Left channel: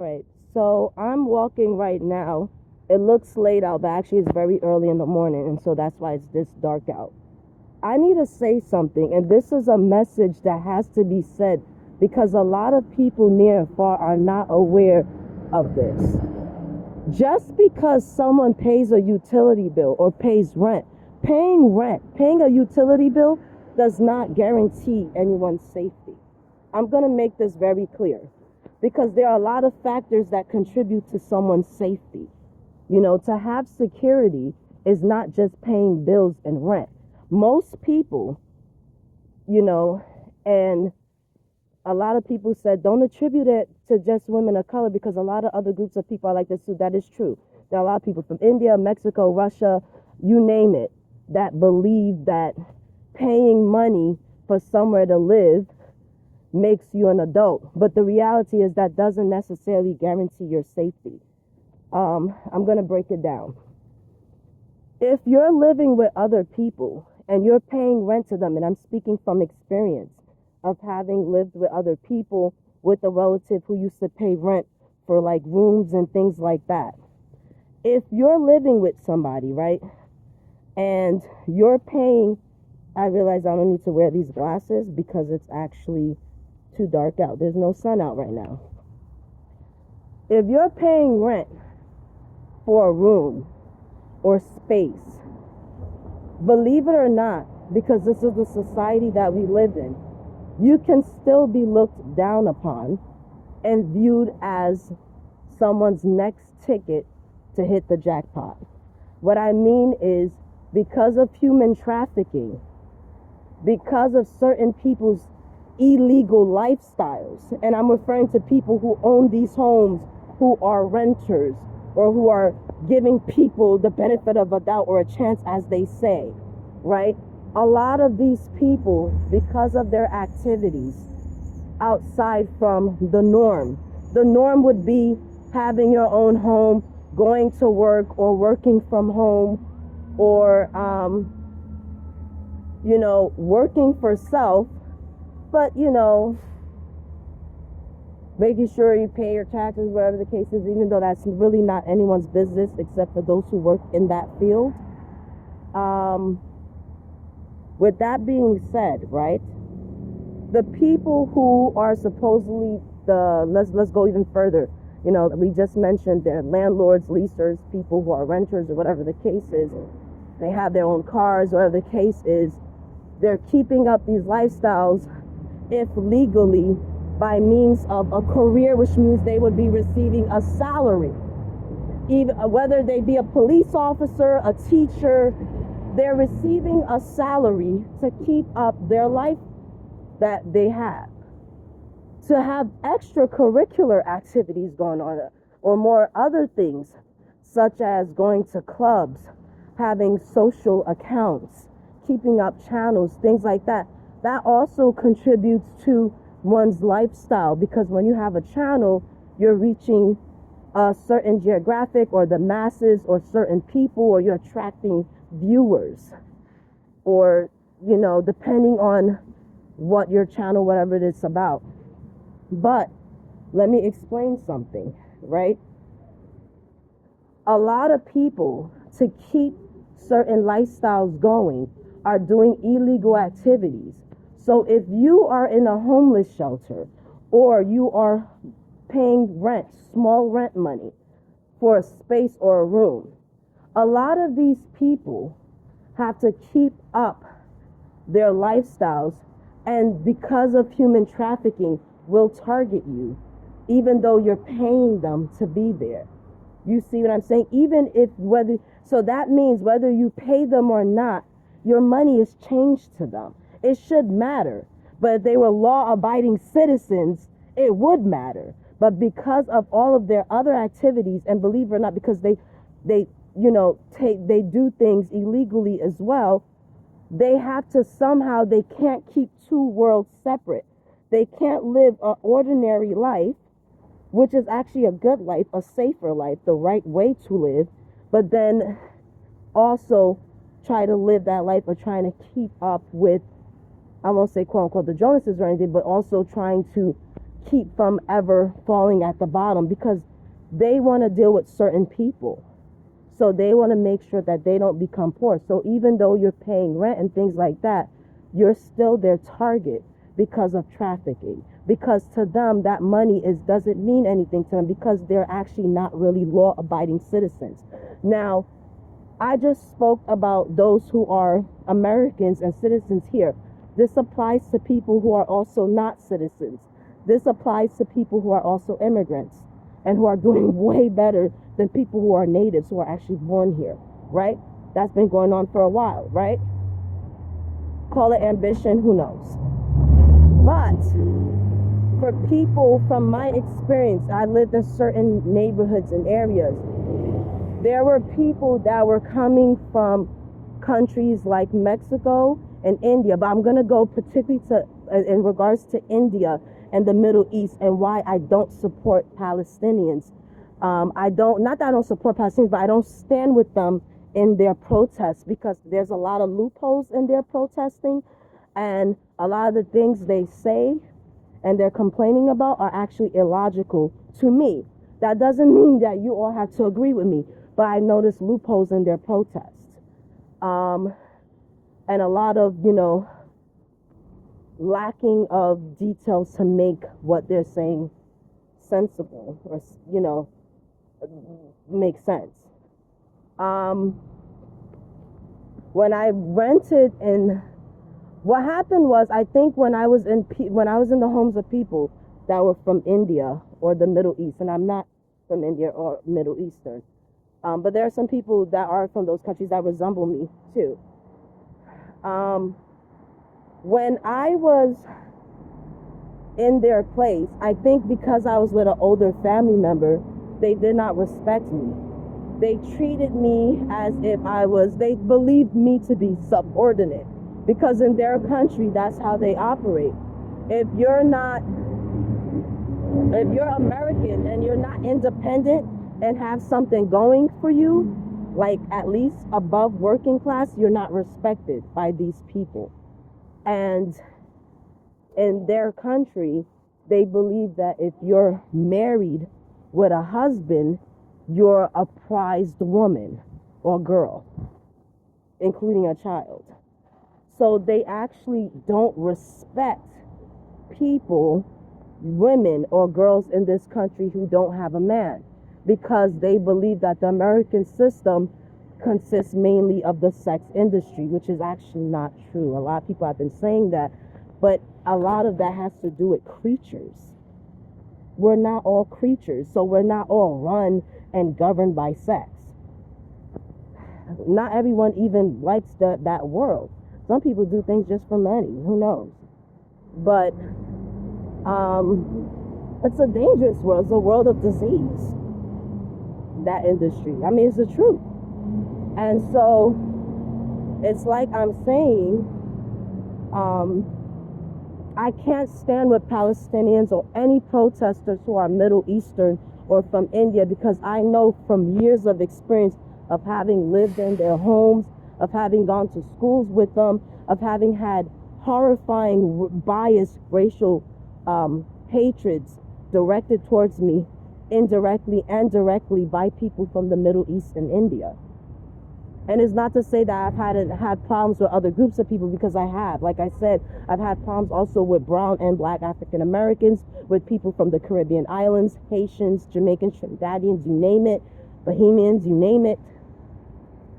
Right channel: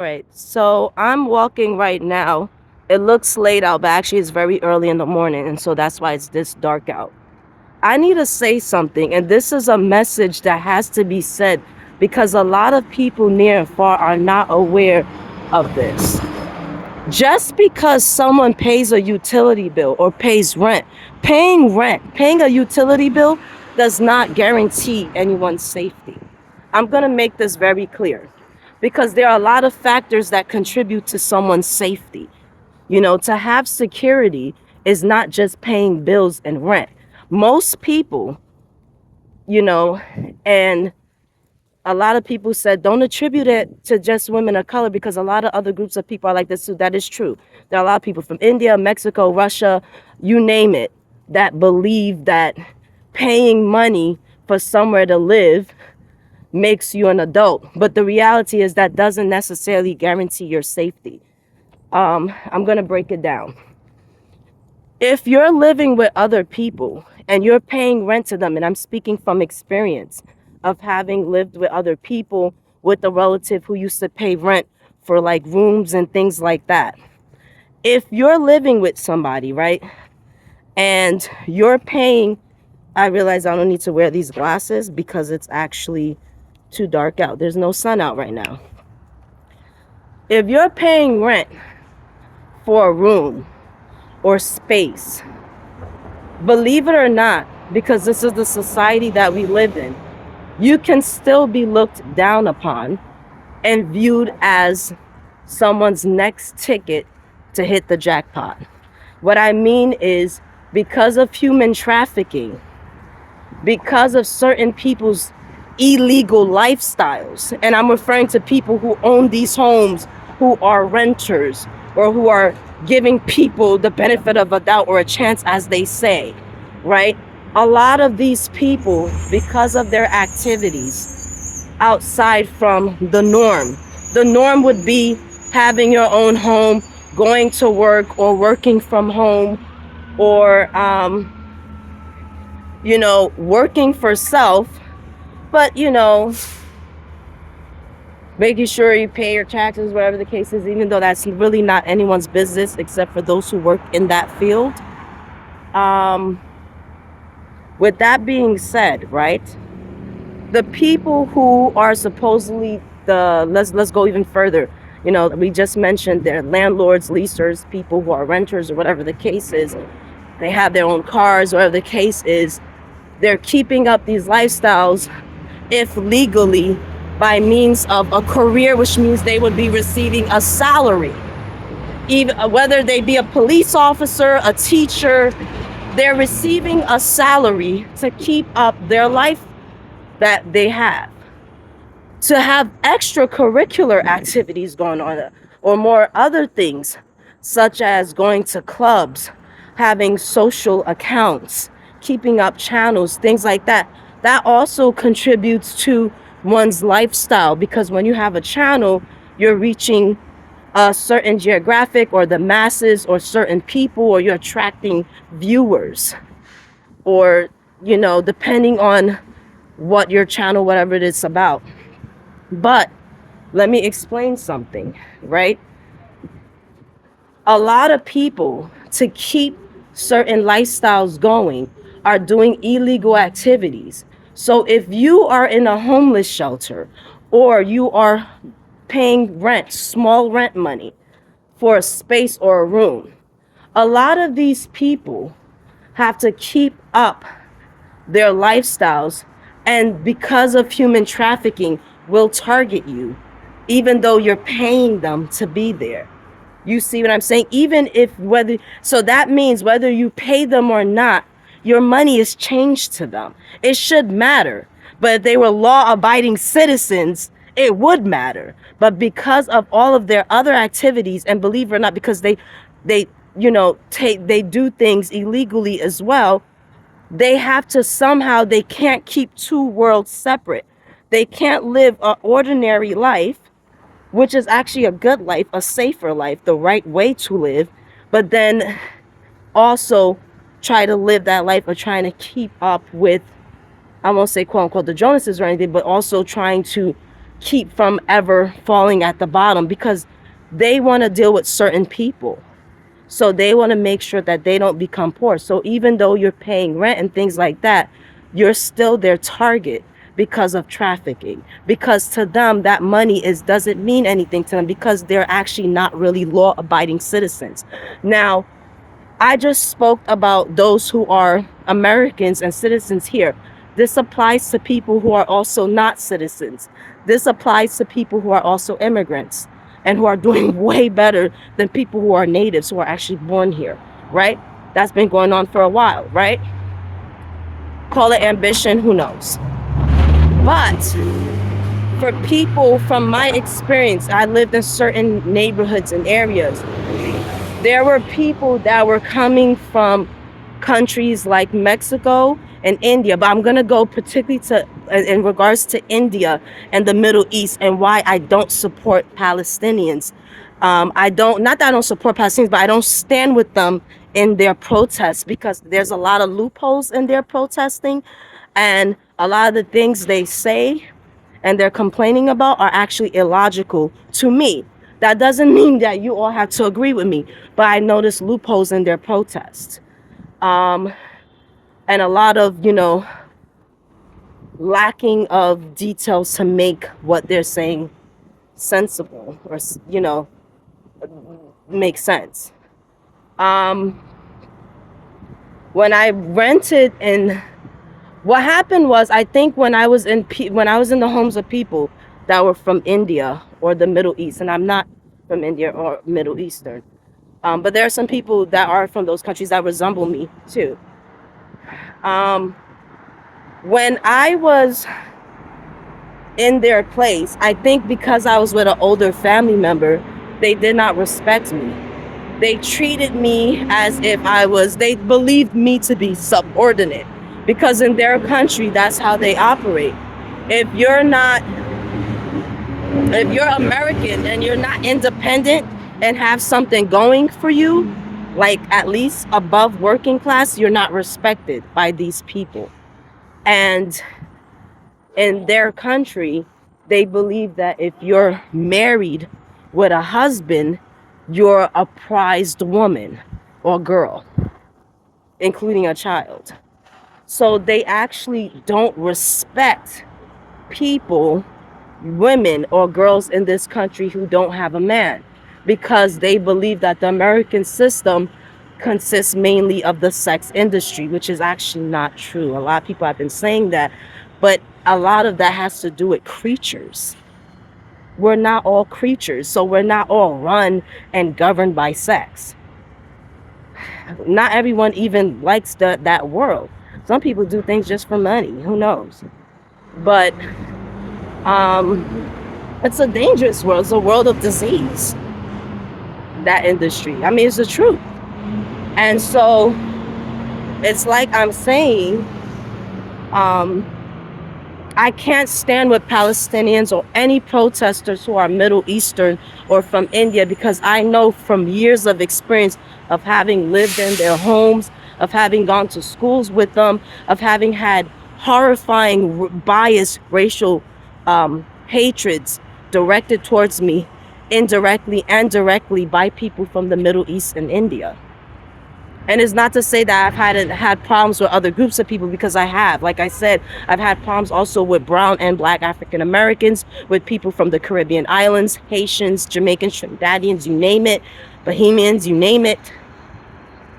Right. So I'm walking right now. It looks late out, but actually it's very early in the morning, and so that's why it's this dark out. I need to say something, and this is a message that has to be said because a lot of people near and far are not aware of this. Just because someone pays a utility bill or pays rent, paying a utility bill does not guarantee anyone's safety. I'm going to make this very clear because there are a lot of factors that contribute to someone's safety. To have security is not just paying bills and rent. Most people, you know, and a lot of people said don't attribute it to just women of color because a lot of other groups of people are like this too. That is true. There are a lot of people from India, Mexico, Russia, you name it, that believe that paying money for somewhere to live makes you an adult. But the reality is that doesn't necessarily guarantee your safety. I'm going to break it down. If you're living with other people and you're paying rent to them, and I'm speaking from experience of having lived with other people with a relative who used to pay rent for like rooms and things like that. If you're living with somebody, right, and you're paying, I realize I don't need to wear these glasses because it's actually too dark out. There's no sun out right now. If you're paying rent for a room or space, believe it or not, because this is the society that we live in, you can still be looked down upon and viewed as someone's next ticket to hit the jackpot. What I mean is, because of human trafficking, because of certain people's illegal lifestyles, and I'm referring to people who own these homes, who are renters, or who are giving people the benefit of a doubt or a chance, as they say, right? A lot of these people, because of their activities outside from the norm would be having your own home, going to work or working from home, or working for self, but making sure you pay your taxes, whatever the case is, even though that's really not anyone's business except for those who work in that field. Um, with that being said, right, the people who are supposedly let's go even further. We just mentioned they're landlords, leasers, people who are renters, or whatever the case is. They have their own cars, whatever the case is. They're keeping up these lifestyles, if legally, by means of a career, which means they would be receiving a salary. Even whether they be a police officer, a teacher, they're receiving a salary to keep up their life that they have. To have extracurricular activities going on, or more other things, such as going to clubs, having social accounts, keeping up channels, things like that. That also contributes to one's lifestyle, because when you have a channel, you're reaching a certain geographic or the masses or certain people, or you're attracting viewers, or depending on what your channel, whatever it is about. But let me explain something, right? A lot of people, to keep certain lifestyles going, are doing illegal activities. So if you are in a homeless shelter, or you are paying rent, small rent money for a space or a room, a lot of these people have to keep up their lifestyles, and because of human trafficking, will target you even though you're paying them to be there. You see what I'm saying? So that means whether you pay them or not, your money is changed to them. It should matter. But if they were law-abiding citizens, it would matter. But because of all of their other activities, and believe it or not, because they do things illegally as well, they have to somehow, they can't keep two worlds separate. They can't live an ordinary life, which is actually a good life, a safer life, the right way to live, but then also try to live that life of trying to keep up with, I won't say quote unquote the Jonases or anything, but also trying to keep from ever falling at the bottom, because they want to deal with certain people. So they want to make sure that they don't become poor. So even though you're paying rent and things like that, you're still their target because of trafficking. Because to them, that money doesn't mean anything to them, because they're actually not really law-abiding citizens. Now, I just spoke about those who are Americans and citizens here. This applies to people who are also not citizens. This applies to people who are also immigrants and who are doing way better than people who are natives, who are actually born here, right? That's been going on for a while, right? Call it ambition, who knows? But for people, from my experience, I lived in certain neighborhoods and areas. There were people that were coming from countries like Mexico and India, but I'm gonna go particularly to in regards to India and the Middle East, and why I don't support Palestinians. Not that I don't support Palestinians, but I don't stand with them in their protests, because there's a lot of loopholes in their protesting, and a lot of the things they say and they're complaining about are actually illogical to me. That doesn't mean that you all have to agree with me, but I notice loopholes in their protests. And a lot of, lacking of details to make what they're saying sensible, or, make sense. When I rented in, what happened was, I think when I was in the homes of people that were from India or the Middle East, and I'm not from India or Middle Eastern, but there are some people that are from those countries that resemble me too. When I was in their place, I think because I was with an older family member, they did not respect me. They treated me as if they believed me to be subordinate, because in their country, that's how they operate. If you're American and you're not independent and have something going for you, like at least above working class, you're not respected by these people. And in their country, they believe that if you're married with a husband, you're a prized woman or girl, including a child. So they actually don't respect people, women or girls in this country who don't have a man, because they believe that the American system consists mainly of the sex industry, which is actually not true. A lot of people have been saying that, but a lot of that has to do with creatures. We're not all creatures, so we're not all run and governed by sex. Not everyone even likes that world. Some people do things just for money, who knows? But it's a dangerous world. It's a world of disease, that industry. I mean, it's the truth. And so it's like I'm saying, I can't stand with Palestinians or any protesters who are Middle Eastern or from India, because I know from years of experience of having lived in their homes, of having gone to schools with them, of having had horrifying biased racial hatreds directed towards me, indirectly and directly, by people from the Middle East and India. And it's not to say that I've had problems with other groups of people, because I have. Like I said, I've had problems also with brown and black African Americans, with people from the Caribbean islands, Haitians, Jamaicans, Trinidadians, you name it, Bohemians, you name it.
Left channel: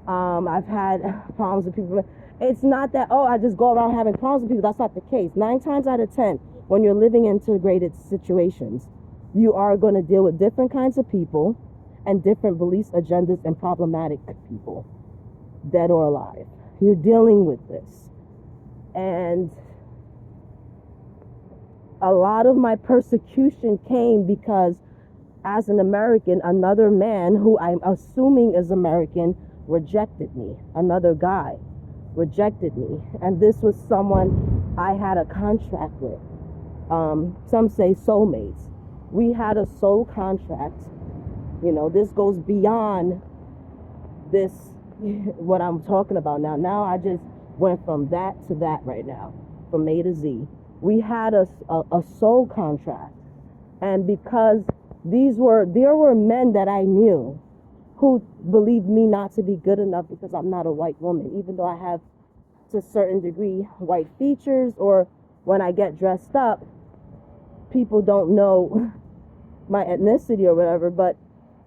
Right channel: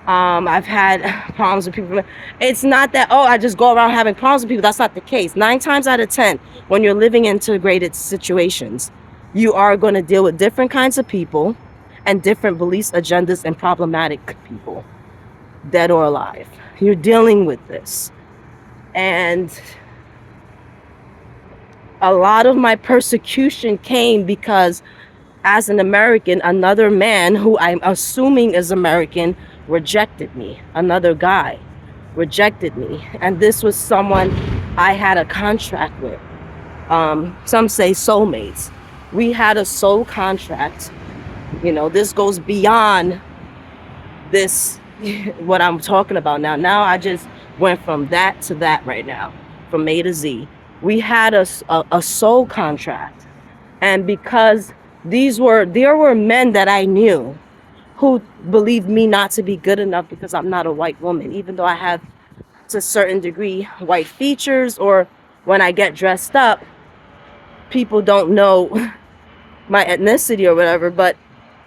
I've had problems with people. It's not that, I just go around having problems with people. That's not the case. 9 times out of 10, when you're living in integrated situations, you are going to deal with different kinds of people and different beliefs, agendas, and problematic people, dead or alive. You're dealing with this. And a lot of my persecution came because, as an American, another man who I'm assuming is American rejected me. Another guy rejected me. And this was someone I had a contract with. Some say soulmates. We had a soul contract. This goes beyond this, what I'm talking about now. Now I just went from that to that right now, from A to Z. We had a soul contract. And because there were men that I knew who believed me not to be good enough because I'm not a white woman, even though I have to a certain degree white features, or when I get dressed up, people don't know my ethnicity or whatever, but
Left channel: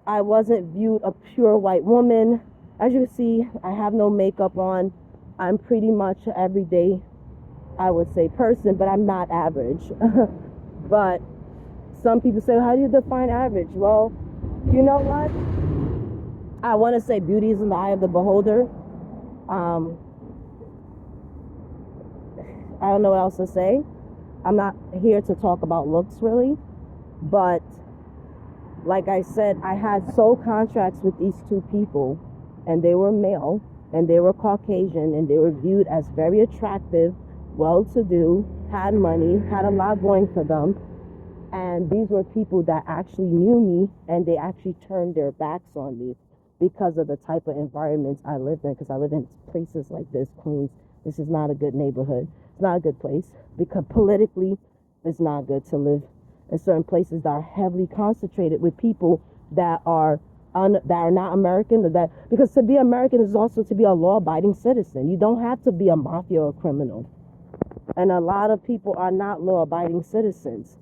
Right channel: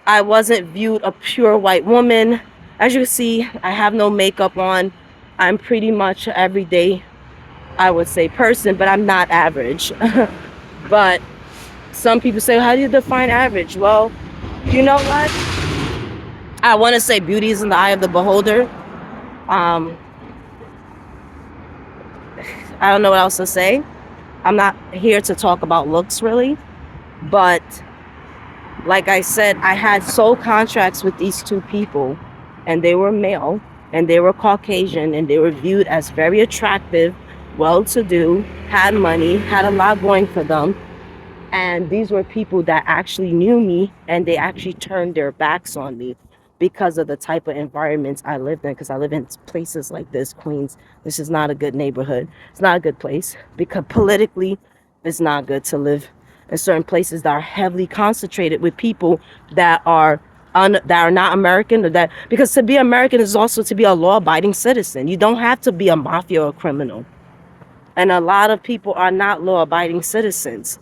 I wasn't viewed a pure white woman. As you can see, I have no makeup on. I'm pretty much an everyday, I would say, person, but I'm not average. But some people say, how do you define average? Well, you know what? I want to say beauty is in the eye of the beholder. Um, I don't know what else to say. I'm not here to talk about looks really, but like I said, I had soul contracts with these two people, and they were male, and they were Caucasian, and they were viewed as very attractive, well-to-do, had money, had a lot going for them. And these were people that actually knew me, and they actually turned their backs on me because of the type of environments I lived in. Because I live in places like this, Queens. This is not a good neighborhood. It's not a good place because politically, it's not good to live in certain places that are heavily concentrated with people that are not American, or that, because to be American is also to be a law-abiding citizen. You don't have to be a mafia or a criminal. And a lot of people are not law-abiding citizens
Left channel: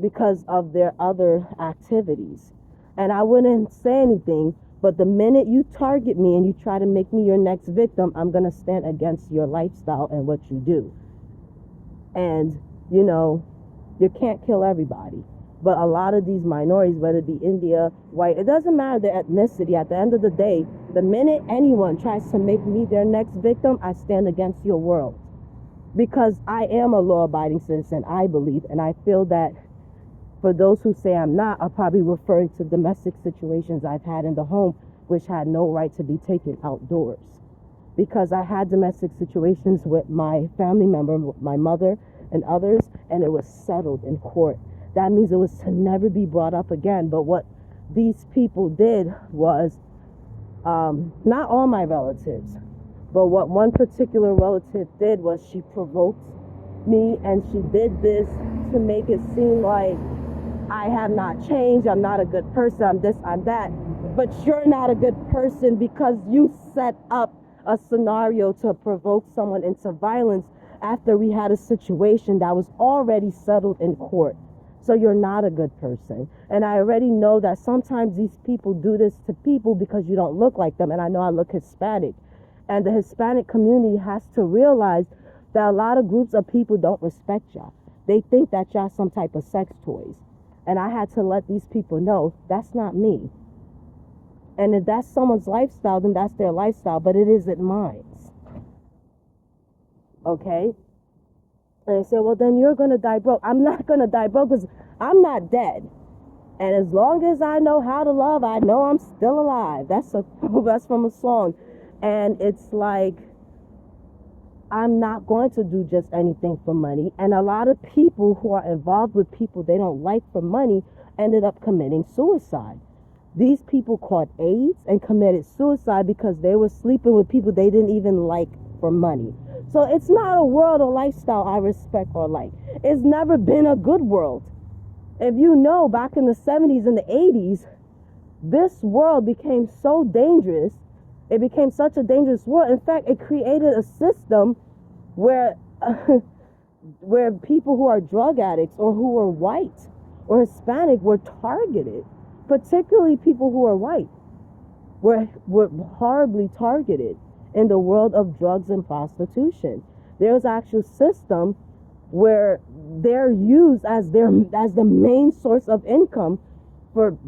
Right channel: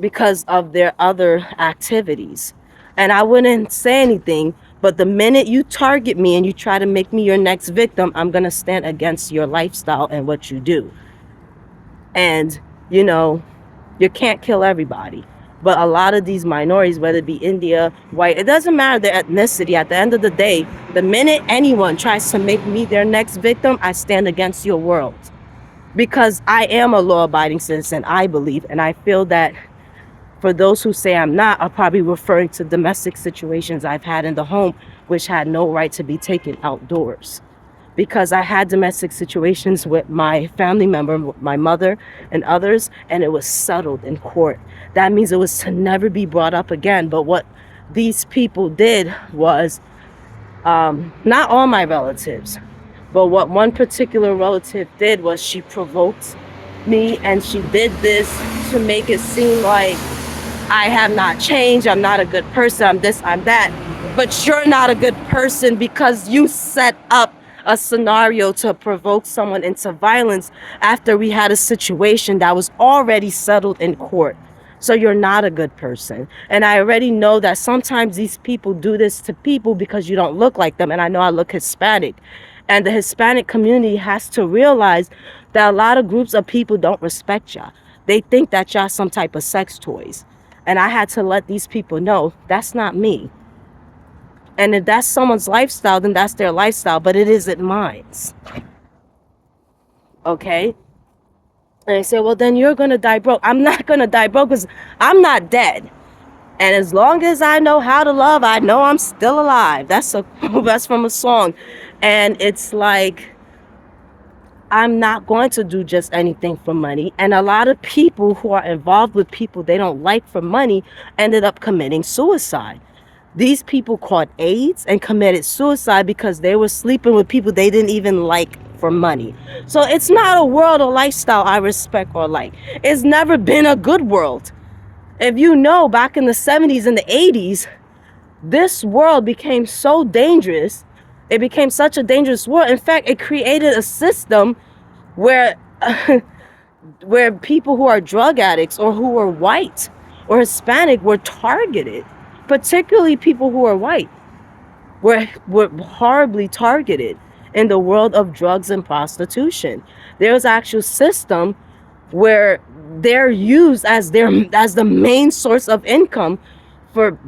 because of their other activities. And I wouldn't say anything, but the minute you target me and you try to make me your next victim, I'm going to stand against your lifestyle and what you do. And, you know, you can't kill everybody. But a lot of these minorities, whether it be India, white, it doesn't matter their ethnicity. At the end of the day, the minute anyone tries to make me their next victim, I stand against your world. Because I am a law-abiding citizen, I believe, and I feel that for those who say I'm not, are probably referring to domestic situations I've had in the home, which had no right to be taken outdoors. Because I had domestic situations with my family member, my mother and others, and it was settled in court. That means it was to never be brought up again. But what these people did was, not all my relatives, but what one particular relative did was she provoked me, and she did this to make it seem like I have not changed, I'm not a good person, I'm this, I'm that. But you're not a good person because you set up a scenario to provoke someone into violence after we had a situation that was already settled in court. So you're not a good person. And I already know that sometimes these people do this to people because you don't look like them. And I know I look Hispanic. And the Hispanic community has to realize that a lot of groups of people don't respect y'all. They think that y'all some type of sex toys. And I had to let these people know that's not me. And if that's someone's lifestyle, then that's their lifestyle, but it isn't mine. Okay? And they say, well, then you're going to die broke. I'm not going to die broke because I'm not dead. And as long as I know how to love, I know I'm still alive. That's from a song. And it's like, I'm not going to do just anything for money. And a lot of people who are involved with people they don't like for money ended up committing suicide. These people caught AIDS and committed suicide because they were sleeping with people they didn't even like for money. So it's not a world or lifestyle I respect or like. It's never been a good world. If you know, back in the 70s and the 80s, this world became so dangerous. It became such a dangerous world. In fact, it created a system where where people who are drug addicts or who are white or Hispanic were targeted. Particularly people who are white were horribly targeted in the world of drugs and prostitution. There's actual system where they're used as the main source of income for,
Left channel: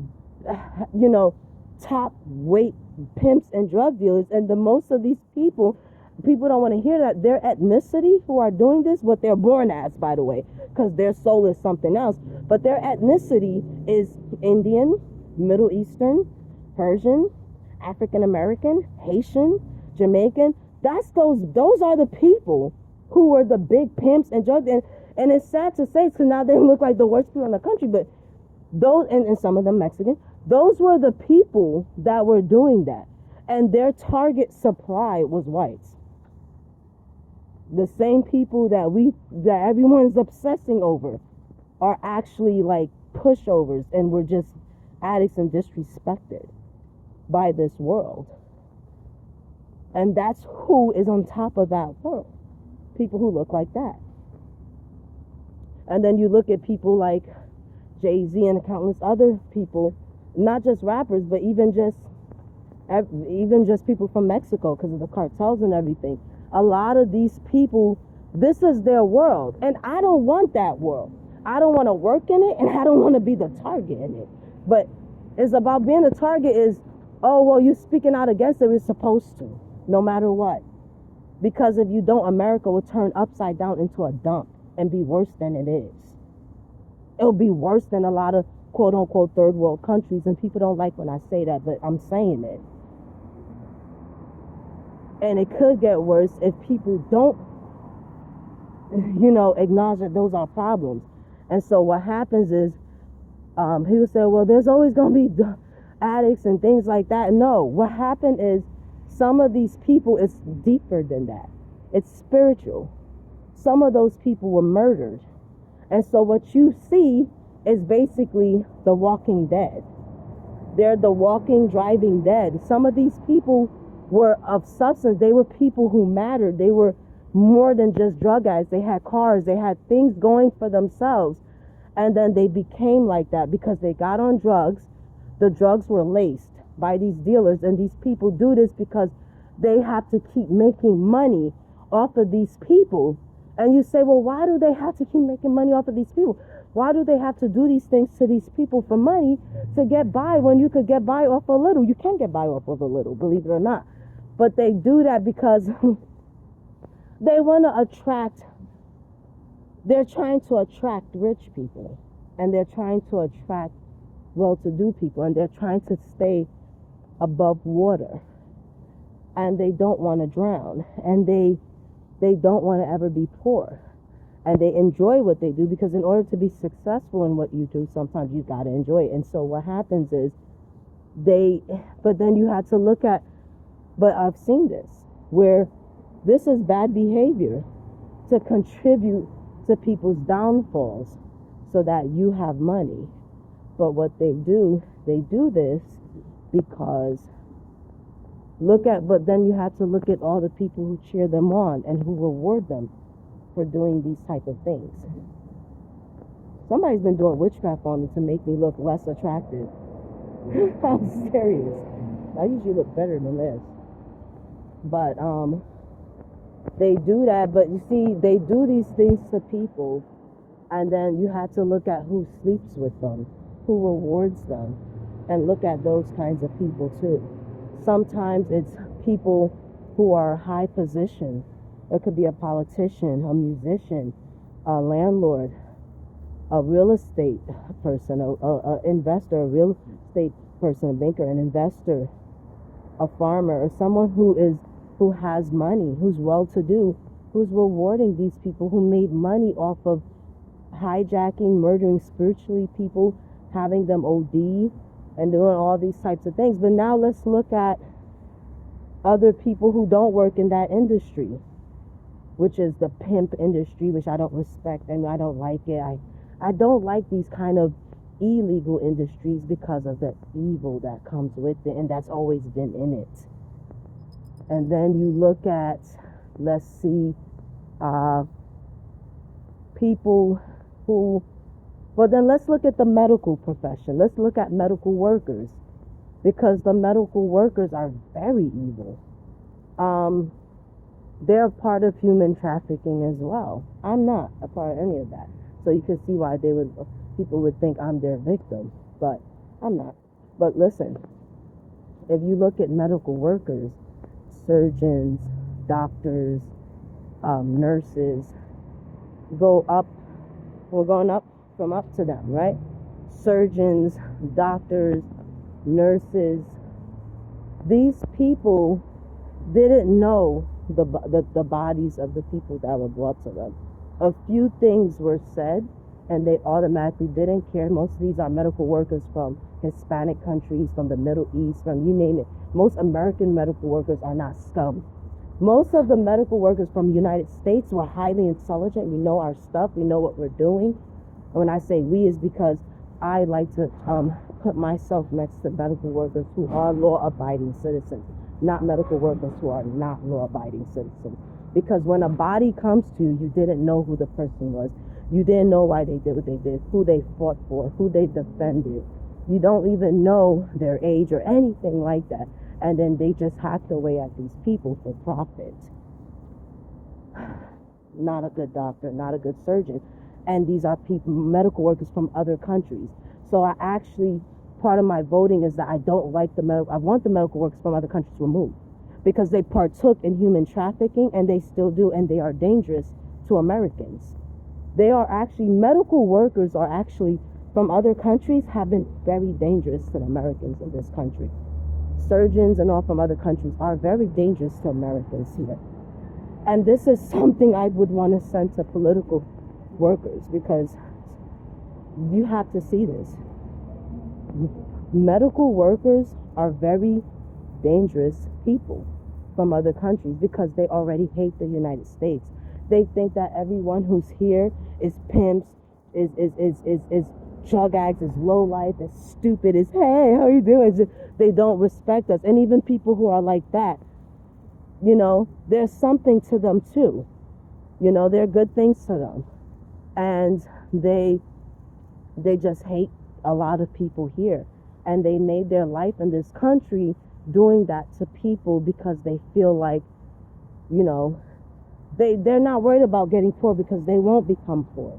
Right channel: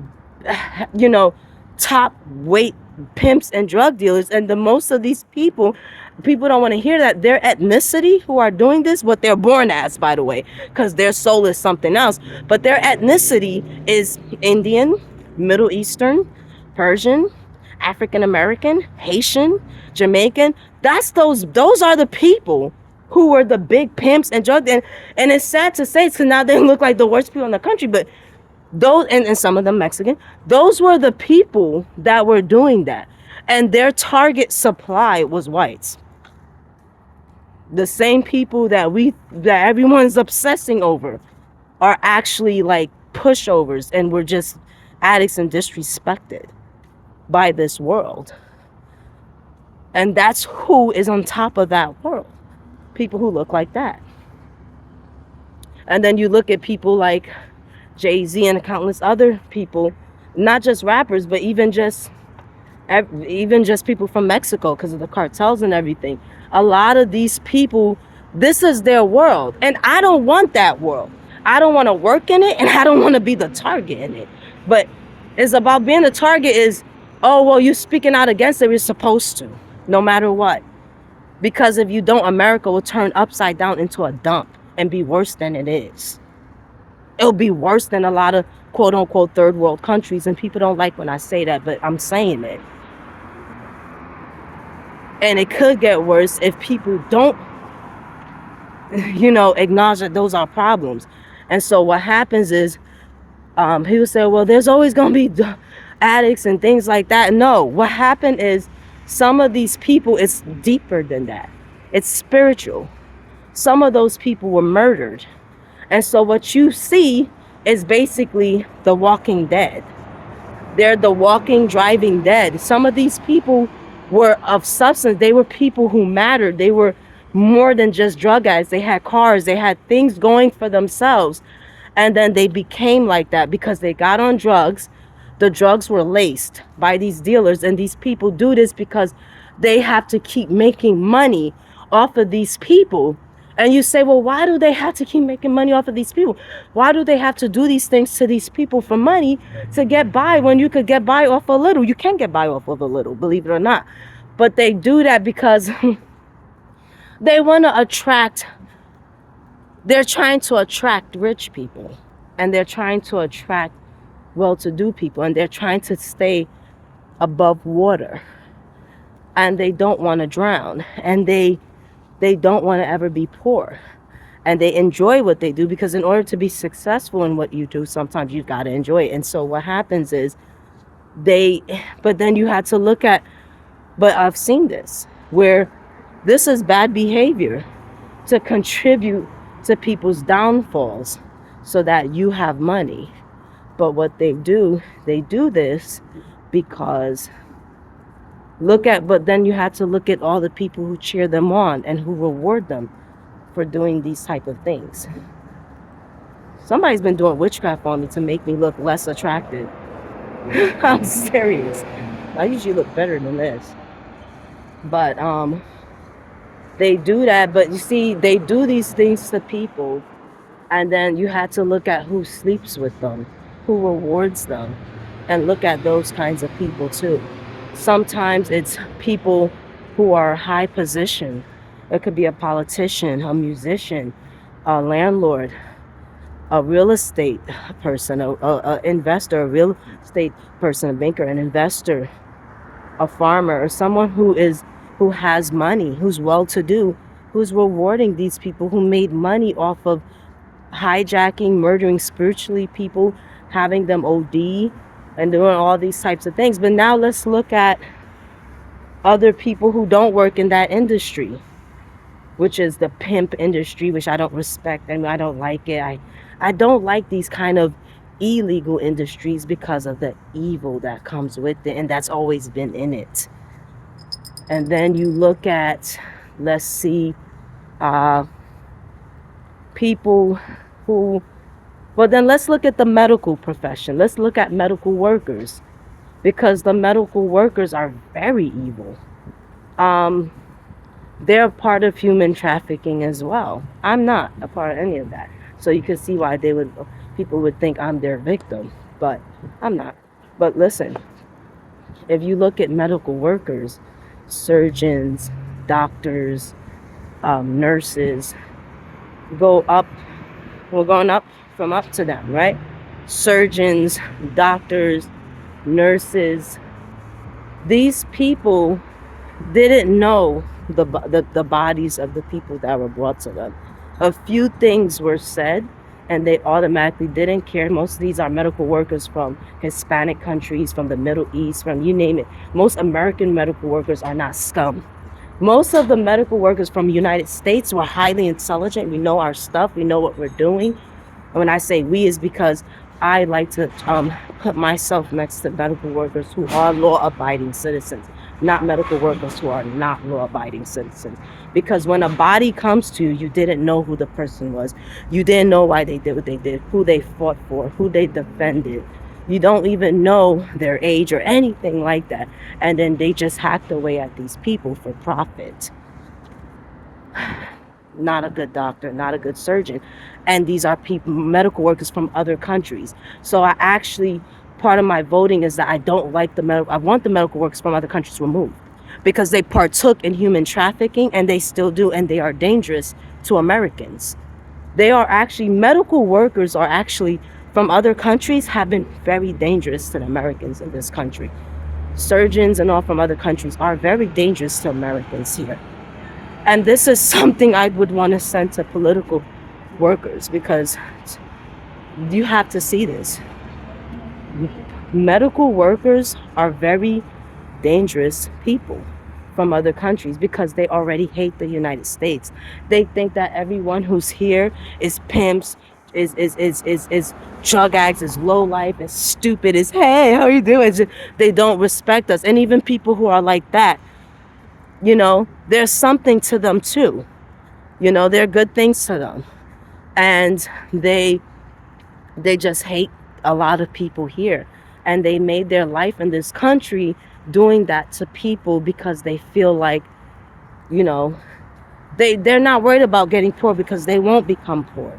you know, top weight pimps and drug dealers. And the most of these people don't want to hear that their ethnicity who are doing this, what they're born as, by the way, because their soul is something else, but their ethnicity is Indian, Middle Eastern, Persian, African American, Haitian, Jamaican. Those are the people who were the big pimps and drug, and it's sad to say, because now they look like the worst people in the country, but those, and some of them Mexican, those were the people that were doing that. And their target supply was whites. The same people that everyone's obsessing over. are actually like pushovers, and we're just addicts and disrespected by this world. And that's who is on top of that world. People who look like that. And then you look at people like Jay-Z and countless other people, not just rappers, but even just people from Mexico, because of the cartels and everything. A lot of these people, this is their world. And I don't want that world. I don't want to work in it, and I don't want to be the target in it. But it's about being the target is, oh, well, you're speaking out against it. You're supposed to, no matter what. Because if you don't, America will turn upside down into a dump and be worse than it is. It'll be worse than a lot of quote unquote third world countries. And people don't like when I say that, but I'm saying it. And it could get worse if people don't, acknowledge that those are problems. And so what happens is, people say, well, there's always going to be addicts and things like that. No, what happened is some of these people, it's deeper than that. It's spiritual. Some of those people were murdered. And so what you see is basically the walking dead. They're the walking, driving dead. Some of these people were of substance. They were people who mattered. They were more than just drug addicts. They had cars. They had things going for themselves. And then they became like that because they got on drugs. The drugs were laced by these dealers. And these people do this because they have to keep making money off of these people. And you say, well, why do they have to keep making money off of these people? Why do they have to do these things to these people for money to get by when you could get by off a little? You can get by off of a little, believe it or not. But they do that because they want to attract, they're trying to attract rich people. And they're trying to attract well-to-do people. And they're trying to stay above water. And they don't want to drown. And they don't want to ever be poor. And they enjoy what they do, because in order to be successful in what you do, sometimes you've got to enjoy it. And so what happens is but then you had to look at, but I've seen this, where this is bad behavior to contribute to people's downfalls so that you have money. But what they do this because but then you had to look at all the people who cheer them on and who reward them for doing these type of things. Somebody's been doing witchcraft on me to make me look less attractive. I'm serious. I usually look better than this. But they do that. But you see, they do these things to people, and then you had to look at who sleeps with them, who rewards them, and look at those kinds of people too. Sometimes it's people who are high position. It could be a politician, a musician, a landlord, a real estate person, a investor, a real estate person, a banker, an investor, a farmer, or someone who has money, who's well-to-do, who's rewarding these people who made money off of hijacking, murdering spiritually people, having them OD, and doing all these types of things. But now let's look at other people who don't work in that industry, which is the pimp industry, which I don't respect and I don't like it. I don't like these kind of illegal industries because of the evil that comes with it, and that's always been in it. And then you look at, let's see, people who, well, then let's look at the medical profession. Let's look at medical workers, because the medical workers are very evil. They're a part of human trafficking as well. I'm not a part of any of that. So you can see why people would think I'm their victim, but I'm not. But listen, if you look at medical workers, surgeons, doctors, nurses, we're going up from up to them, right? Surgeons, doctors, nurses. These people didn't know the bodies of the people that were brought to them. A few things were said and they automatically didn't care. Most of these are medical workers from Hispanic countries, from the Middle East, from you name it. Most American medical workers are not scum. Most of the medical workers from the United States were highly intelligent. We know our stuff. We know what we're doing. And when I say we, is because I like to put myself next to medical workers who are law-abiding citizens, not medical workers who are not law-abiding citizens. Because when a body comes to you, you didn't know who the person was. You didn't know why they did what they did, who they fought for, who they defended. You don't even know their age or anything like that. And then they just hacked away at these people for profit. Not a good doctor, not a good surgeon. And these are people, medical workers from other countries. So I actually, part of my voting is that I don't like I want the medical workers from other countries removed, because they partook in human trafficking, and they still do, and they are dangerous to Americans. They are actually, medical workers are actually from other countries have been very dangerous to the Americans in this country. Surgeons and all from other countries are very dangerous to Americans here. And this is something I would want to send to political workers, because you have to see this. Medical workers are very dangerous people from other countries because they already hate the United States. They think that everyone who's here is pimps, is drug addicts, is low life, is stupid, is hey, how you doing? They don't respect us. And even people who are like that, you know, there's something to them too. You know, there are good things to them. And they just hate a lot of people here. And they made their life in this country doing that to people because they feel like, you know, they're not worried about getting poor because they won't become poor.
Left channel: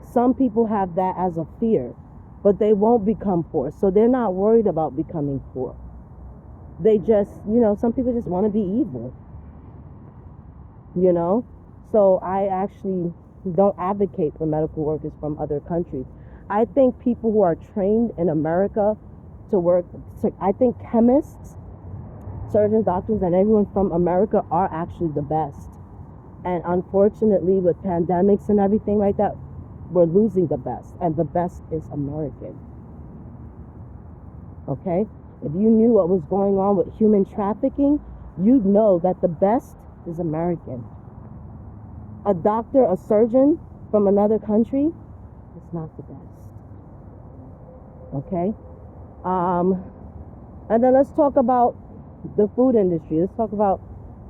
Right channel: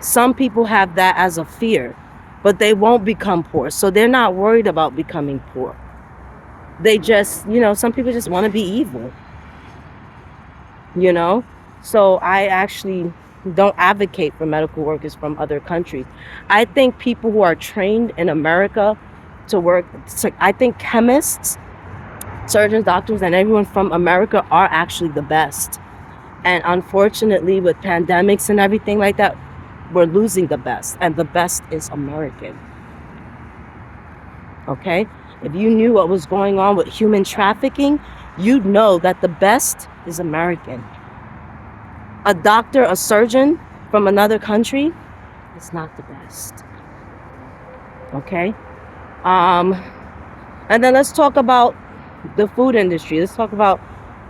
Some people have that as a fear, but they won't become poor. So they're not worried about becoming poor. They just, you know, some people just want to be evil, you know? So I actually don't advocate for medical workers from other countries. I think people who are trained in America to work, I think chemists, surgeons, doctors, and everyone from America are actually the best. And unfortunately, with pandemics and everything like that, we're losing the best, and the best is American. Okay? If you knew what was going on with human trafficking, you'd know that the best is American. A doctor, a surgeon from another country is not the best. Okay? And then let's talk about the food industry. Let's talk about,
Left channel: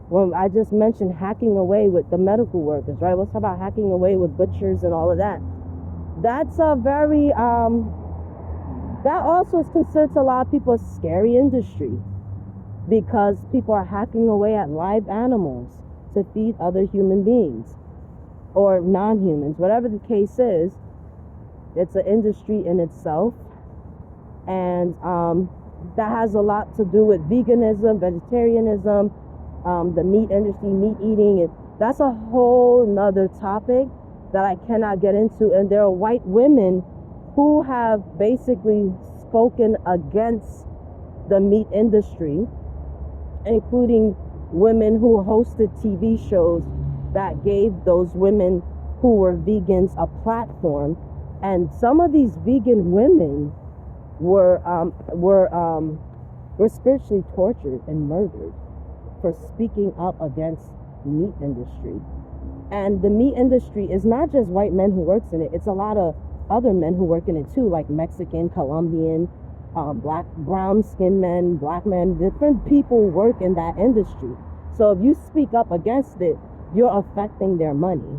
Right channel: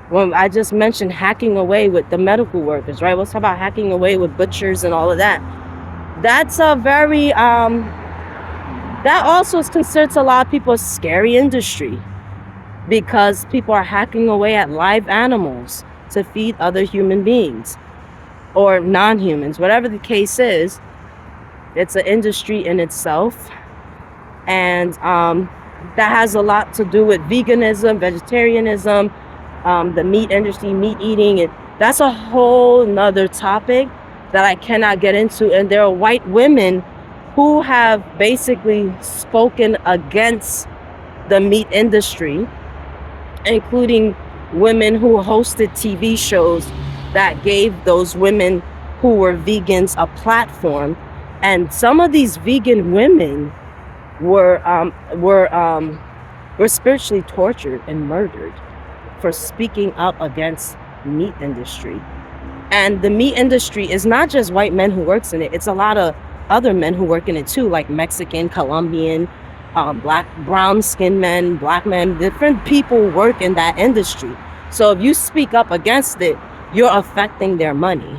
when I just mentioned hacking away with the medical workers, right? Let's talk about hacking away with butchers and all of that. That's a very, that also is considered to a lot of people a scary industry, because people are hacking away at live animals to feed other human beings or non-humans, whatever the case is. It's an industry in itself. And that has a lot to do with veganism, vegetarianism, the meat industry, meat eating. And that's a whole nother topic that I cannot get into. And there are white women who have basically spoken against the meat industry, including women who hosted TV shows that gave those women who were vegans a platform. And some of these vegan women were spiritually tortured and murdered for speaking up against meat industry. And the meat industry is not just white men who works in it. It's a lot of other men who work in it too, like Mexican, Colombian, black, brown skinned men, black men. Different people work in that industry. So if you speak up against it, you're affecting their money.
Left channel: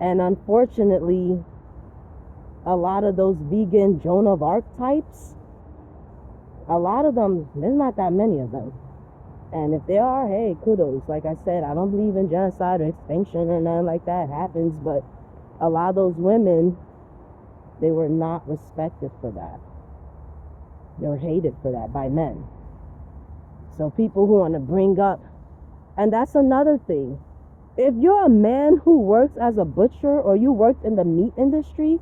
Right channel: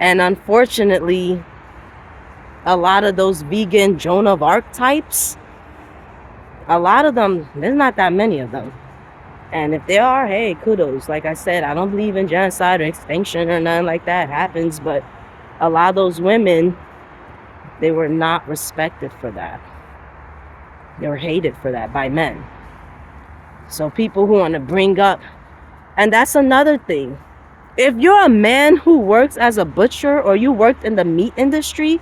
And unfortunately, a lot of those vegan Joan of Arc types, a lot of them, there's not that many of them. And if there are, hey, kudos. Like I said, I don't believe in genocide or extinction or nothing like that. It happens, but a lot of those women, they were not respected for that. They were hated for that by men. So people who want to bring up, and that's another thing. If you're a man who works as a butcher or you worked in the meat industry,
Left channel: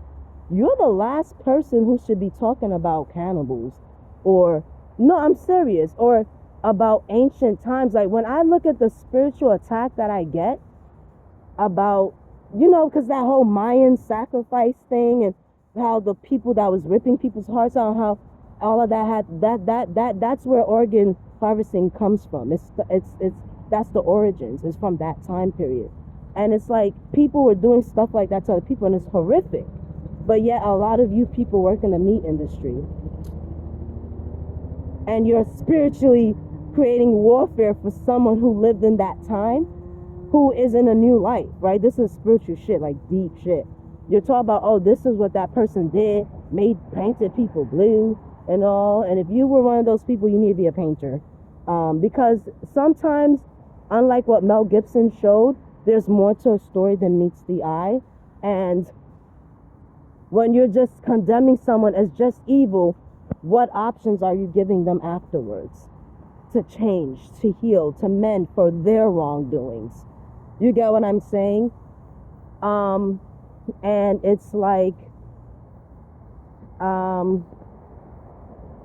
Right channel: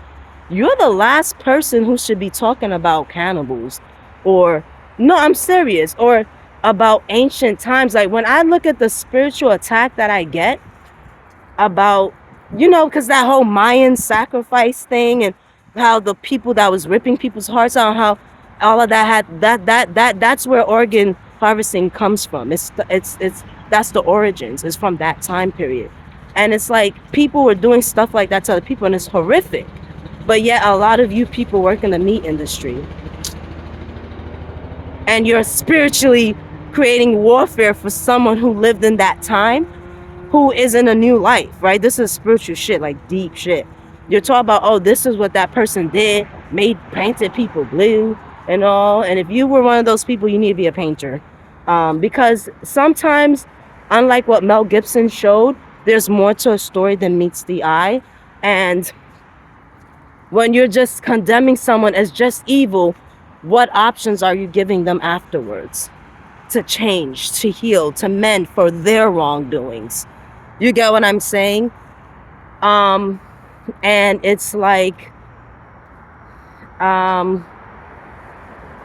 you're the last person who should be talking about cannibals, or, no, I'm serious, or about ancient times. Like when I look at the spiritual attack that I get about, you know, because that whole Mayan sacrifice thing, and how the people that was ripping people's hearts out, how all of that had that's where organ harvesting comes from. It's that's the origins. It's from that time period. And it's like people were doing stuff like that to other people, and it's horrific. But yet a lot of you people work in the meat industry, and you're spiritually creating warfare for someone who lived in that time, who is in a new life, right? This is spiritual shit, like deep shit. You're talking about, oh, this is what that person did, painted people blue and all. And if you were one of those people, you need to be a painter. Because sometimes, unlike what Mel Gibson showed, there's more to a story than meets the eye. And when you're just condemning someone as just evil, what options are you giving them afterwards to change, to heal, to mend for their wrongdoings? You get what I'm saying? And it's like,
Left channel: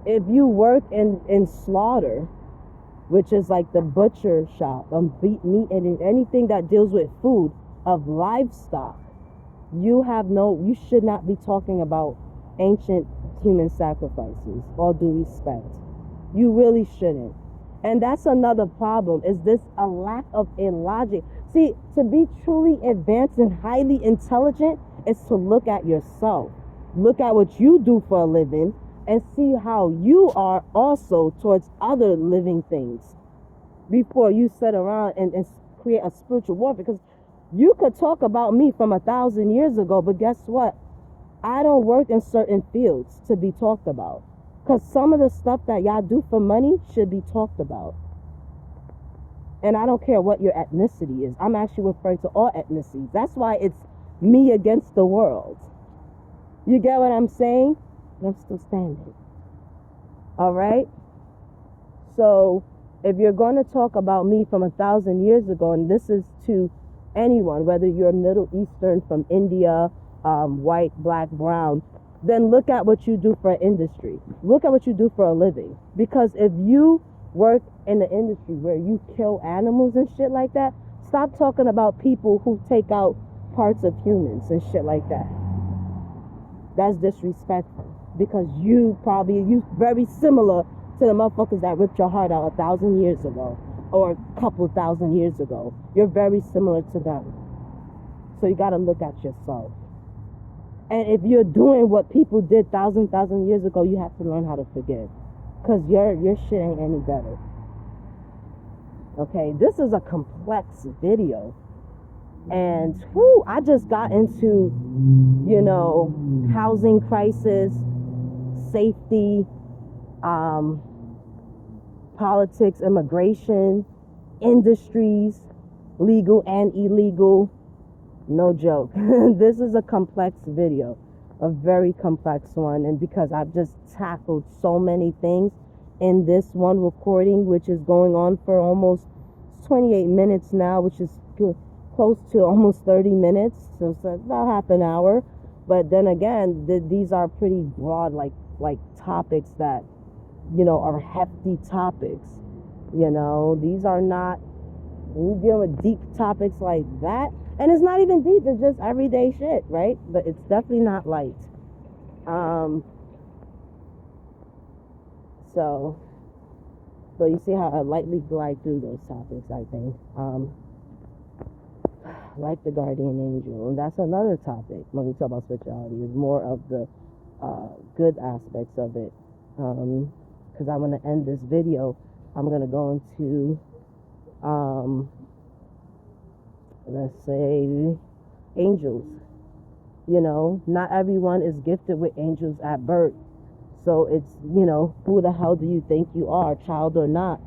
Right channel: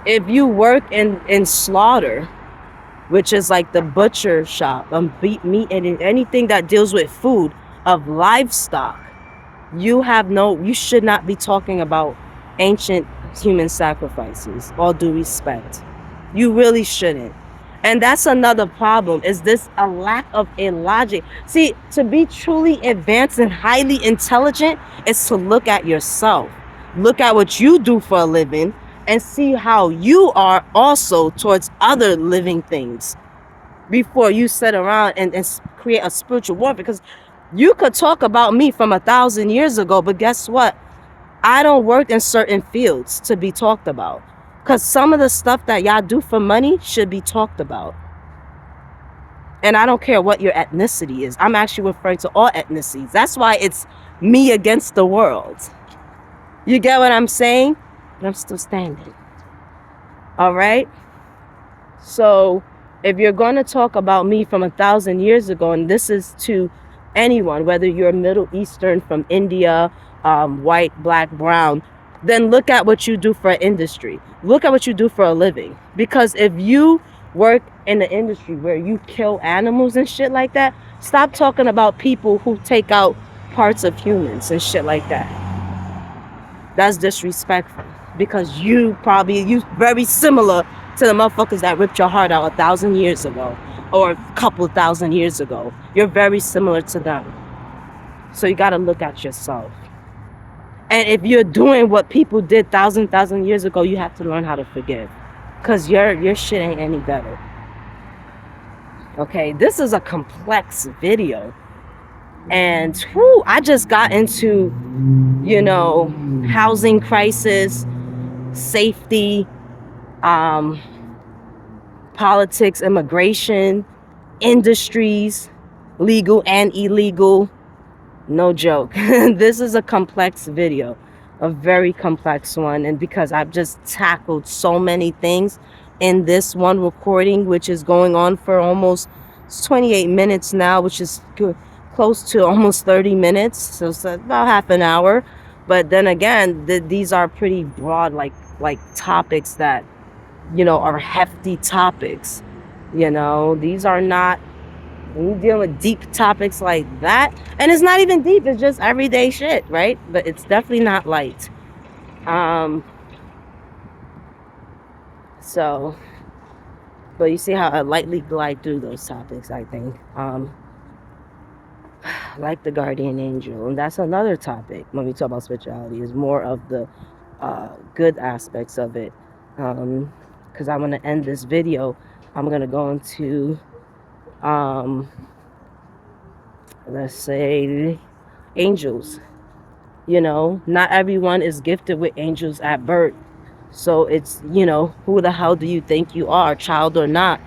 if you work in slaughter, which is like the butcher shop, meat and anything that deals with food of livestock, you should not be talking about ancient human sacrifices. All due respect, you really shouldn't. And that's another problem, is this a lack of a logic. See, to be truly advanced and highly intelligent is to look at yourself, look at what you do for a living, and see how you are also towards other living things before you sit around and create a spiritual war. Because you could talk about me from 1,000 years ago, but guess what? I don't work in certain fields to be talked about. Because some of the stuff that y'all do for money should be talked about. And I don't care what your ethnicity is. I'm actually referring to all ethnicities. That's why it's me against the world. You get what I'm saying? But I'm still standing. All right? So if you're going to talk about me from 1,000 years ago, and this is to anyone, whether you're Middle Eastern, from India, white, black, brown, then look at what you do for an industry. Look at what you do for a living. Because if you work in the industry where you kill animals and shit like that, stop talking about people who take out parts of humans and shit like that. That's disrespectful. Because you very similar to the motherfuckers that ripped your heart out 1,000 years ago, or a couple thousand years ago. You're very similar to them. So you gotta look at yourself. And if you're doing what people did thousand years ago, you have to learn how to forgive. Because your shit ain't any better. Okay, this is a complex video. And I just got into, housing crisis, safety, politics, immigration, industries, legal and illegal. No joke. This is a complex video, a very complex one. And because I've just tackled so many things in this one recording, which is going on for almost 28 minutes now, which is close to almost 30 minutes. So it's about half an hour. But then again, these are pretty broad, like topics that, are hefty topics. These are not, when you're dealing with deep topics like that, and it's not even deep, it's just everyday shit, right? But it's definitely not light. So, but you see how I lightly glide through those topics, I think. Like the guardian angel, and that's another topic when we talk about spirituality, is more of the good aspects of it. Because I'm going to end this video, I'm going to go into let's say angels. Not everyone is gifted with angels at birth. So it's, who the hell do you think you are, child or not?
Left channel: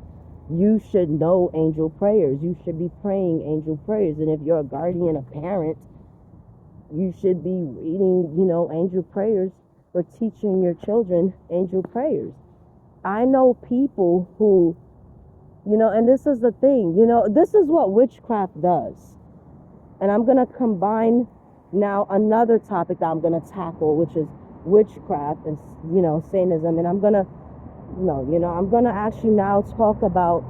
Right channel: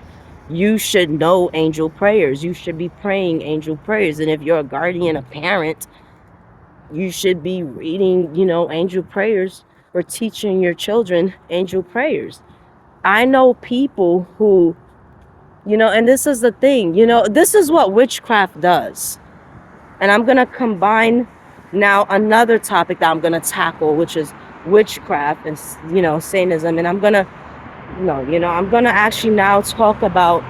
You should know angel prayers. You should be praying angel prayers. And if you're a guardian, a parent, you should be reading, angel prayers, or teaching your children angel prayers. I know people who, and this is the thing, this is what witchcraft does. And I'm going to combine now another topic that I'm going to tackle, which is witchcraft and, Satanism. And I'm going to actually now talk about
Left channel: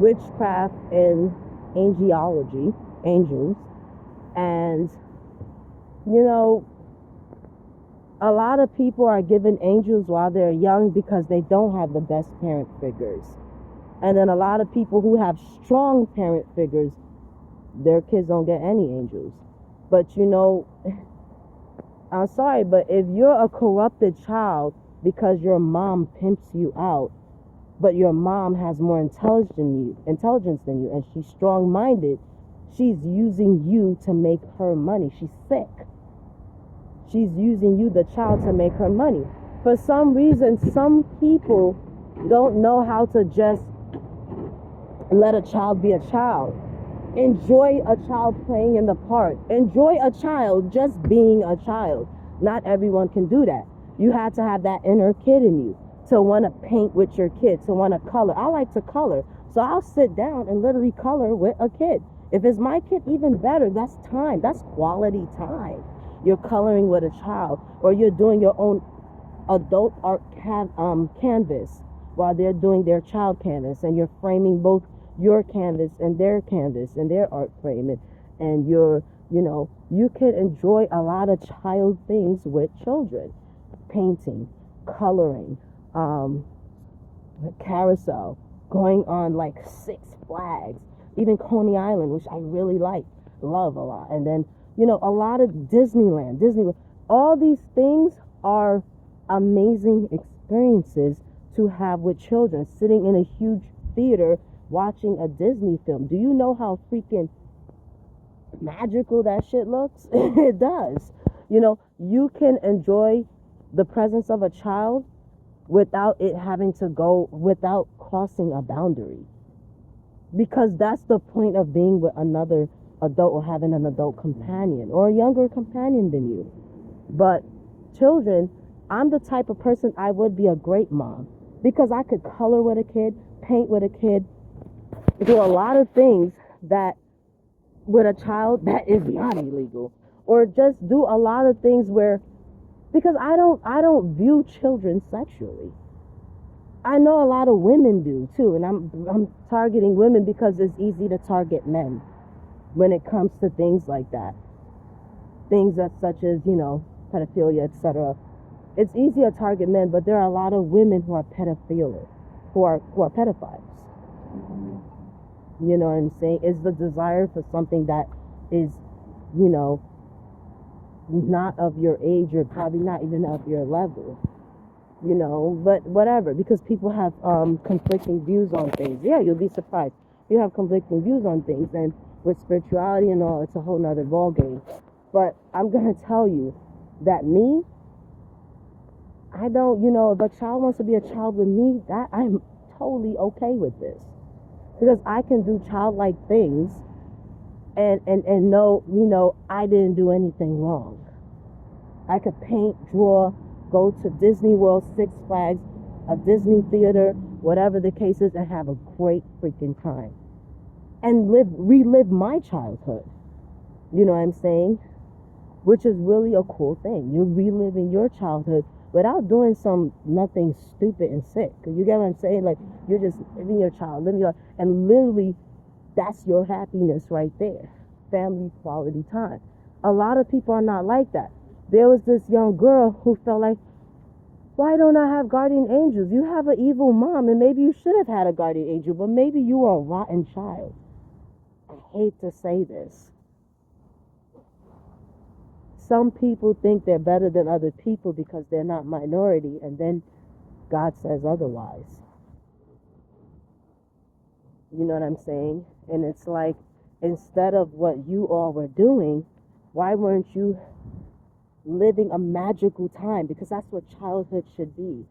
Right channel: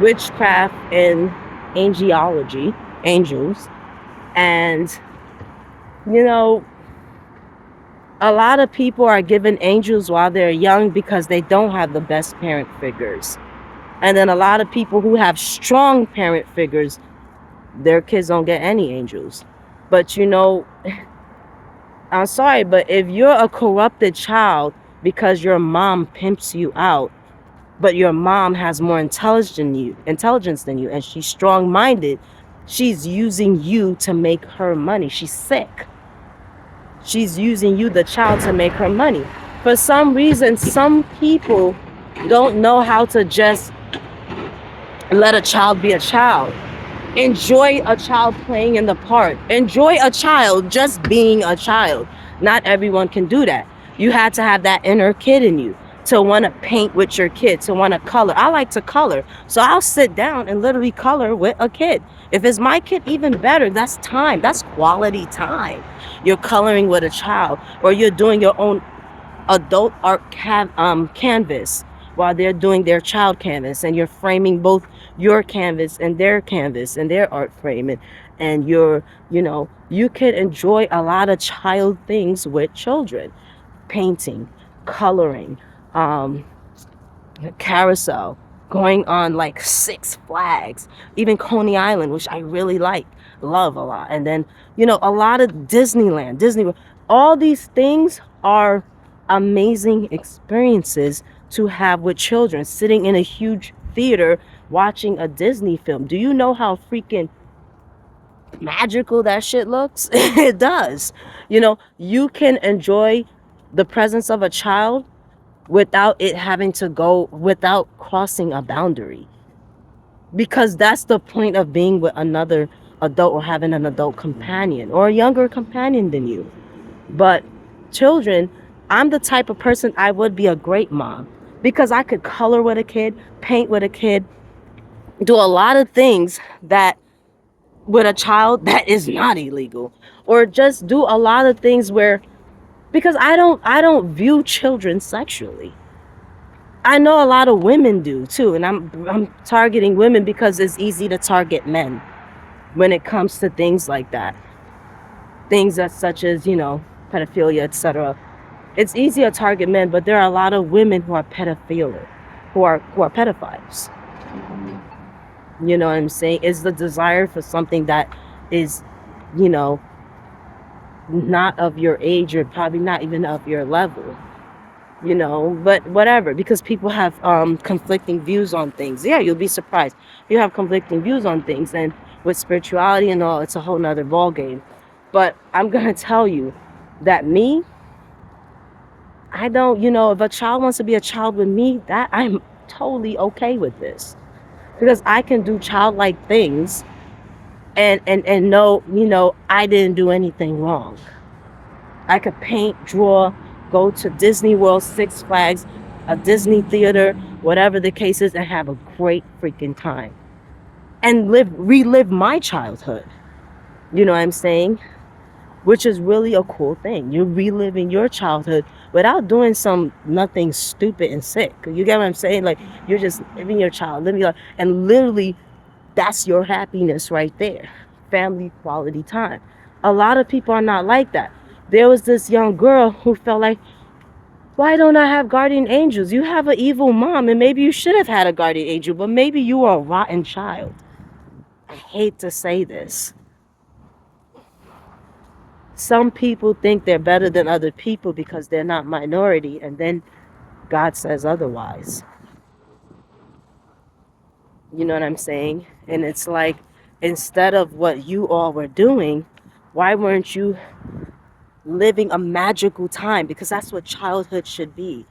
witchcraft and angelology, angels. And, a lot of people are given angels while they're young because they don't have the best parent figures. And then a lot of people who have strong parent figures Their kids don't get any angels. But you know, I'm sorry, but if you're a corrupted child because your mom pimps you out, but your mom has more intelligence than you, and she's strong-minded, she's using you to make her money. She's sick. She's using you, the child, to make her money. For some reason, some people don't know how to just let a child be a child. Enjoy a child playing in the park. Enjoy a child just being a child. Not everyone can do that. You had to have that inner kid in you to want to paint with your kid, to want to color. I like to color, so I'll sit down and literally color with a kid. If it's my kid, even better. That's time. That's quality time. You're coloring with a child, or you're doing your own adult art canvas while they're doing their child canvas, and you're framing both your canvas and their art framing, and you know, you can enjoy a lot of child things with children. Painting, coloring, um carousel, going on like Six Flags, even Coney Island, which I really love a lot. And then, you know, a lot of Disneyland, Disney World. All these things are amazing experiences to have with children, sitting in a huge theater watching a Disney film. Do you know how freaking magical that shit looks? It does. You know, you can enjoy the presence of a child without it having to go, without crossing a boundary, because that's the point of being with another adult, or having an adult companion or a younger companion than you. But children, I'm the type of person, I would be a great mom, because I could color with a kid, paint with a kid, do a lot of things that with a child that is not illegal, or just do a lot of things where, because I don't view children sexually. I know a lot of women do too, and I'm targeting women because it's easy to target men when it comes to things like that. Things that, such as, you know, pedophilia, etc. It's easy to target men, but there are a lot of women who are pedophilia, who are pedophiles. You know what I'm saying? It's the desire for something that is, you know, not of your age, or probably not even of your level, you know, but whatever, because people have conflicting views on things. Yeah, you'll be surprised. You have conflicting views on things, and with spirituality and all, it's a whole nother ball game. But I'm gonna tell you that me, I don't, you know, if a child wants to be a child with me, that I'm totally okay with this, because I can do childlike things and know, you know, I didn't do anything wrong. I could paint, draw, go to Disney World, Six Flags, a Disney theater, whatever the case is, and have a great freaking time, and relive my childhood. You know what I'm saying? Which is really a cool thing. You're reliving your childhood without doing nothing stupid and sick. You get what I'm saying? Like, you're just living your child, living your, and literally that's your happiness right there. Family quality time. A lot of people are not like that. There was this young girl who felt like, why don't I have guardian angels? You have an evil mom, and maybe you should have had a guardian angel, but maybe you were a rotten child. I hate to say this. Some people think they're better than other people because they're not minority, and then God says otherwise. You know what I'm saying? And it's like, instead of what you all were doing, why weren't you living a magical time? Because that's what childhood should be.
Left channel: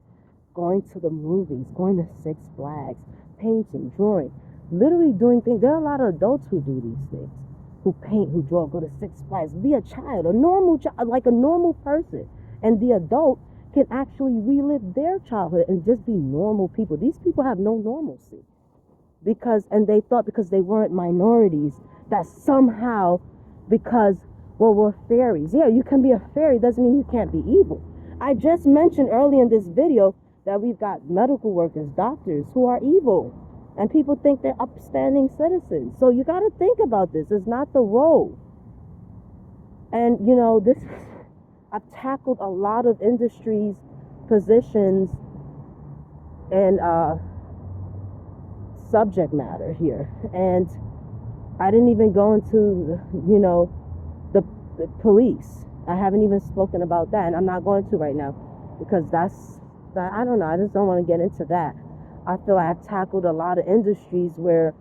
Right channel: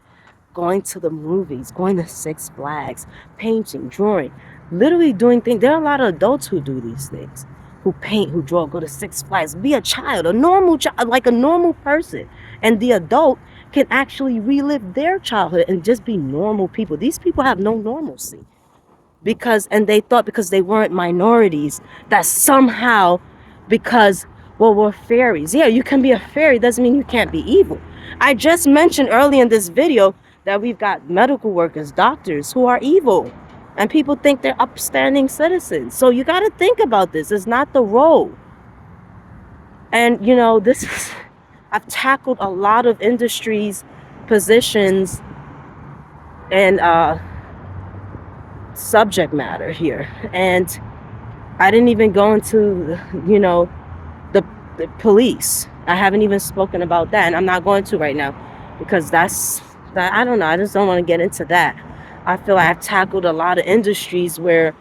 Going to the movies, going to Six Flags, painting, drawing, literally doing things. There are a lot of adults who do these things, who paint, who draw, go to Six Flags, be a child, a normal child, like a normal person. And the adult can actually relive their childhood and just be normal people. These people have no normalcy, and they thought because they weren't minorities, that somehow, because, well, we're fairies. Yeah, you can be a fairy, doesn't mean you can't be evil. I just mentioned early in this video that we've got medical workers, doctors, who are evil, and people think they're upstanding citizens. So you got to think about this. It's not the role. And, you know, this is, I've tackled a lot of industries, positions, and subject matter here. And I didn't even go into, you know, the, the police. I haven't even spoken about that, and I'm not going to right now because that I don't know. I just don't want to get into that. I feel like I've tackled a lot of industries where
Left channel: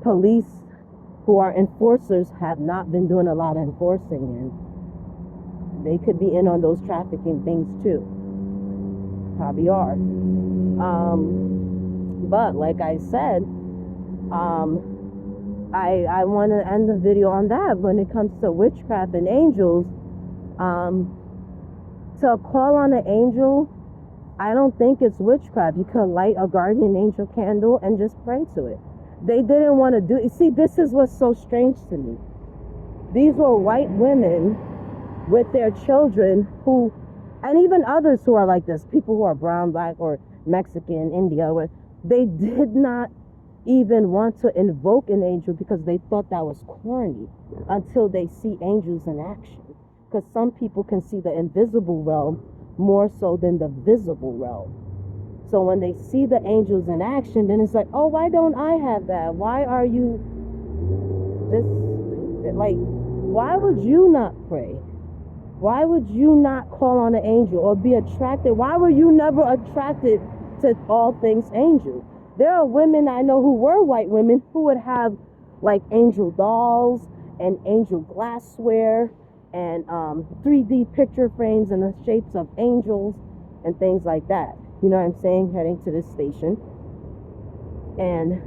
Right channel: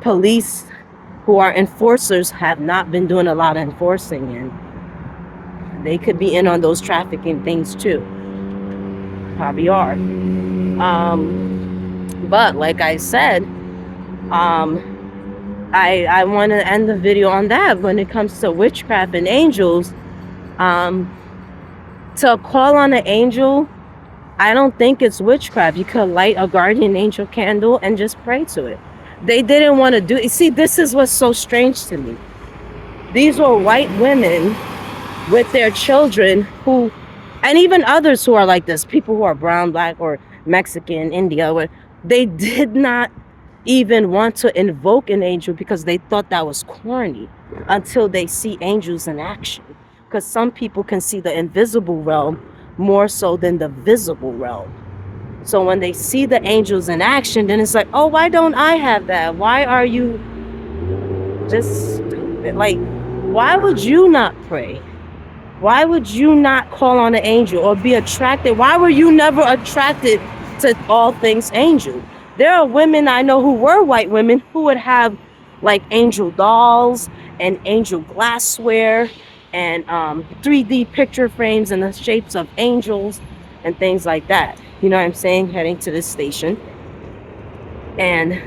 police who are enforcers have not been doing a lot of enforcing, and they could be in on those trafficking things too. Probably are. But like I said, I want to end the video on that. When it comes to witchcraft and angels, um, to call on an angel, I don't think it's witchcraft. You could light a guardian angel candle and just pray to it. They didn't want to do it. See, this is what's so strange to me. These were white women with their children who, and even others who are like this, people who are brown, black, or Mexican, India, where they did not even want to invoke an angel because they thought that was corny until they see angels in action. Because some people can see the invisible realm more so than the visible realm. So when they see the angels in action, then it's like, oh, why don't I have that? Why are you just like, why would you not pray? Why would you not call on an angel or be attracted? Why were you never attracted to all things angel? There are women I know who were white women who would have like angel dolls and angel glassware and 3D picture frames in the shapes of angels and things like that. You know what I'm saying? Heading to this station. And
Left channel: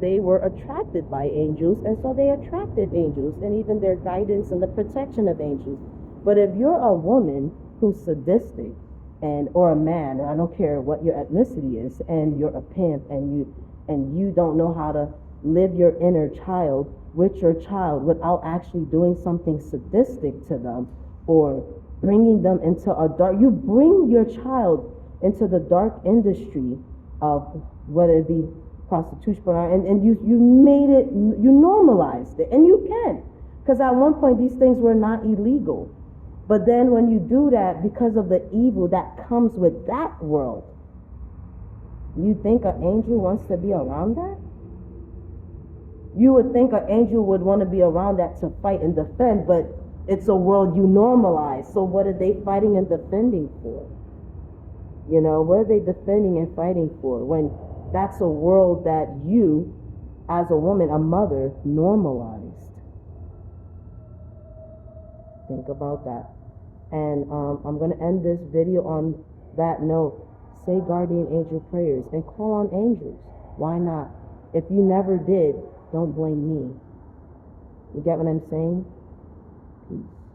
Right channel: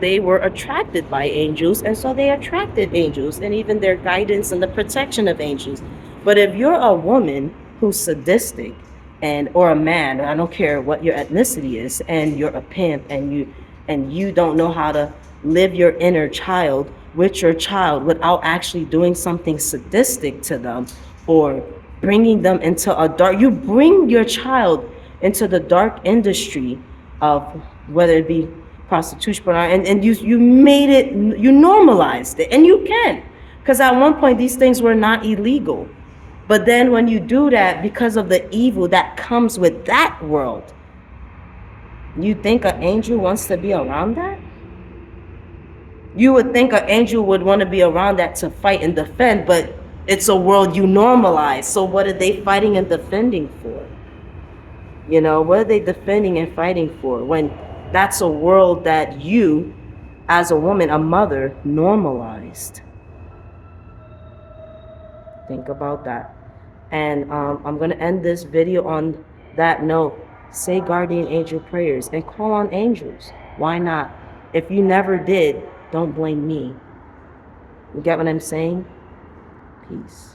they were attracted by angels, and so they attracted angels and even their guidance and the protection of angels. But if you're a woman who's sadistic or a man, I don't care what your ethnicity is, and you're a pimp and you don't know how to live your inner child with your child without actually doing something sadistic to them or bringing them into you bring your child into the dark industry of whether it be prostitution, and you made it, you normalized it, and you can, because at one point these things were not illegal. But then when you do that, because of the evil that comes with that world, you think an angel wants to be around that? You would think an angel would want to be around that to fight and defend, but it's a world you normalize. So what are they fighting and defending for? What are they defending and fighting for when that's a world that you, as a woman, a mother, normalized? Think about that. And I'm going to end this video on that note. Say guardian angel prayers and call on angels. Why not? If you never did, don't blame me. You get what I'm saying? Peace.